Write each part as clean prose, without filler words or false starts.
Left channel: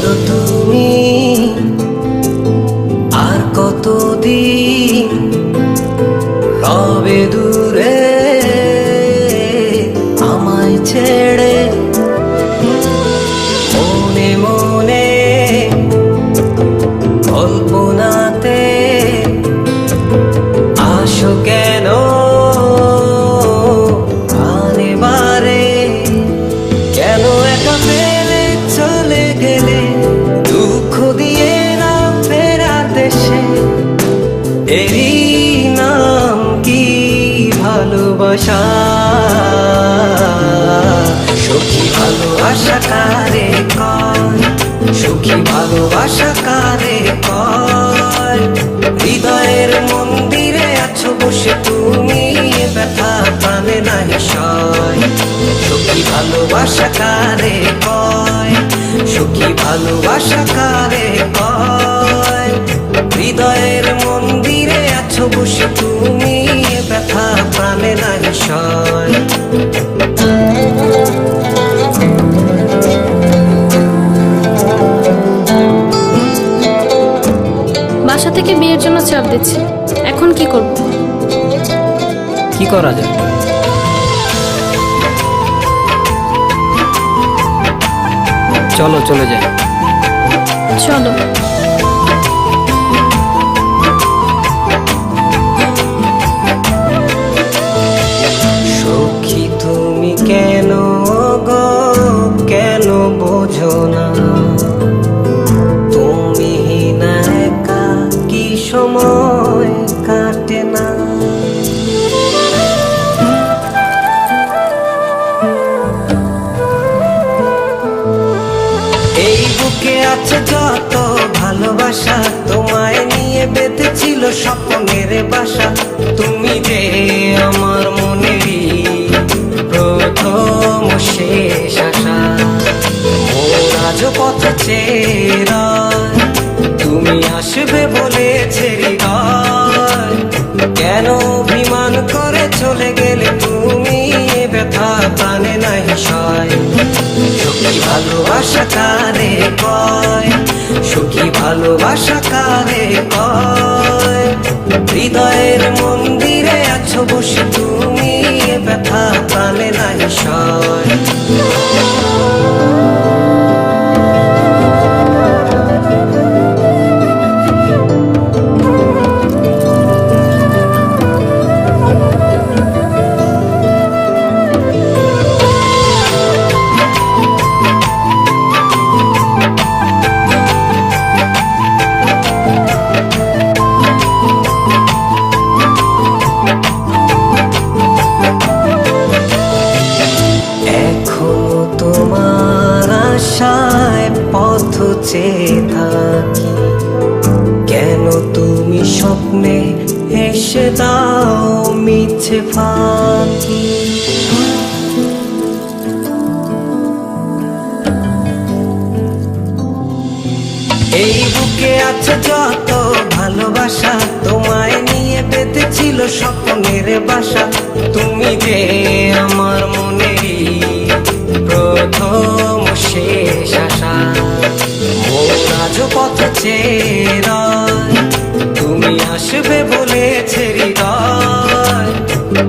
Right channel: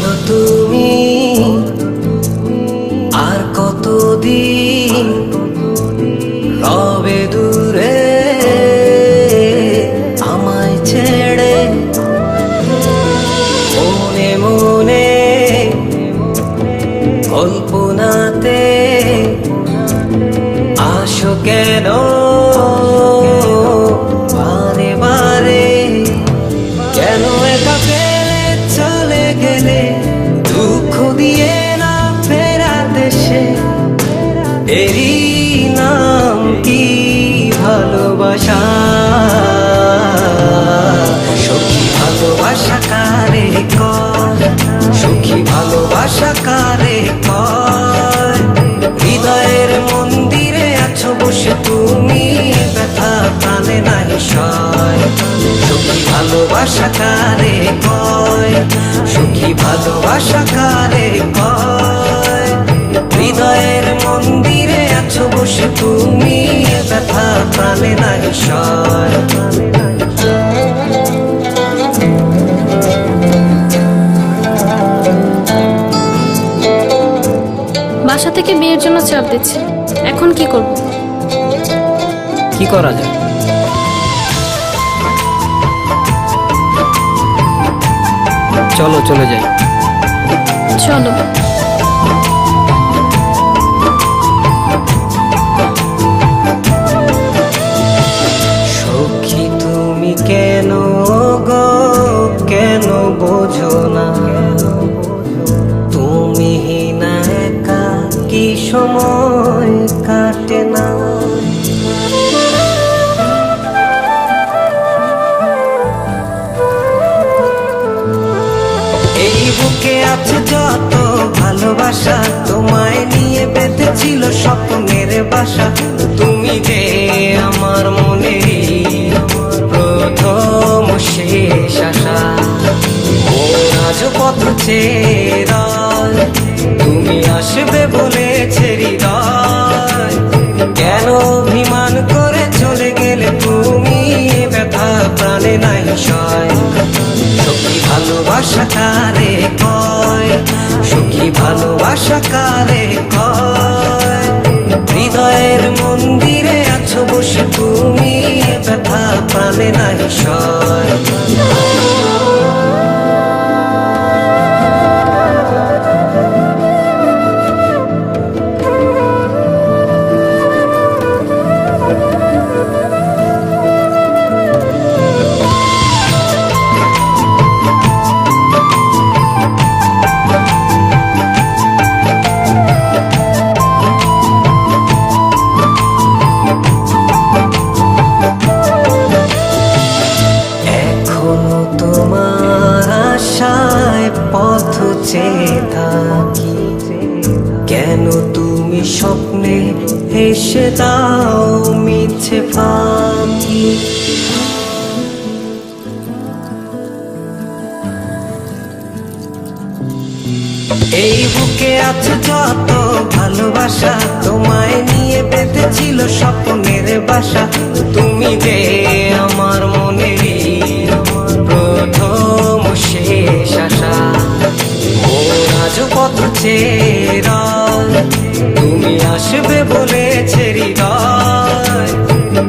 বলো তুমি আর কতদিন রবে দূরে আমায় ছেড়ে? মনে মনে কল্পনাতে আসো কেন বারে বারে? কেন একা ফেলে চলে গেলে দুঃখ দিয়ে না ফেরার দেশে? এরই নাম কি ভালোবাসা? সখী ভালোবাসা কারে কয়? সখী ভালোবাসা কারে কয়? হৃদয়ের মন্দিরে আছো বসে তুমি, ব্যথা প্রাণে নাহি সয়। সখী ভালোবাসা কারে কয়? সখী ভালোবাসা কারে কয়? হৃদয়ের মন্দিরে আছো বসে তুমি, ব্যথা প্রাণে নাহি সয়। বাসা থেকে বিয়ের জন্য চাপ দিচ্ছে, এখন কি করব? কি করা যায়? চলো চলে যাই। চলো। সখী তুমি কেন গো কেন বোঝো না? তুমি না একা কি সময় কাটে না? এই বুকে আছে যত ভালোবাসা, তোমায় নিয়ে বেঁধেছিল স্বপ্নের বাসা। তুমি যে আমার মনেরই প্রথম শেষ আশা। মোর আজ পথ চেয়ে তুমি আসবে বলেছে হৃদয়। কেন অভিমান করে চলে গেলে তুমি, ব্যথা প্রাণে নাহি সয়। সখী ভালোবাসা কারে কয়? সখী ভালোবাসা কারে কয়? হৃদয়ের মন্দিরে আছো বসে তুমি, ব্যথা প্রাণে নাহি সয়। এখনো তোমার আশায় পথ চেয়ে থাকি, কেন তুমি স্বপ্নে এসে দাও মিছে ফাঁকি? এই বুকে আছে যত ভালোবাসা, তোমায় নিয়ে বেঁধেছিল স্বপ্নের বাসা। তুমি যে আমার মনেরই প্রথম শেষ আশা। মোর আজ পথ চেয়ে তুমি আসবে বলেছে হৃদয়।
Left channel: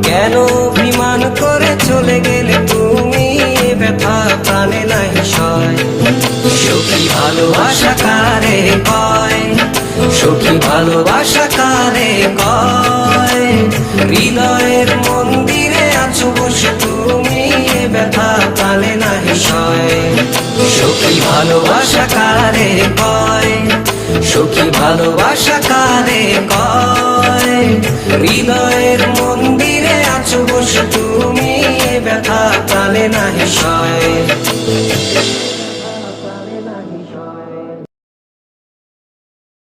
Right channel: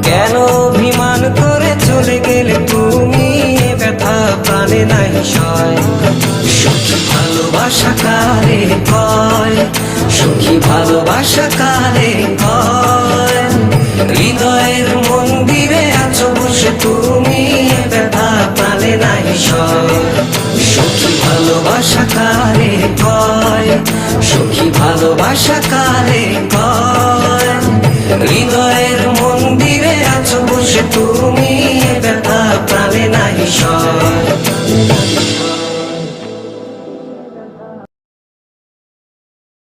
কেন অভিমান করে চলে গেলে তুমি, ব্যথা প্রাণে নাহি সয়। সখী ভালোবাসা কারে কয়? সখী ভালোবাসা কারে কয়? হৃদয়ের মন্দিরে আছো বসে তুমি, ব্যথা প্রাণে নাহি সয়। সখী ভালোবাসা কারে কয়? সখী ভালোবাসা কারে কয়? হৃদয়ের মন্দিরে আছো বসে তুমি, ব্যথা প্রাণে নাহি সয়।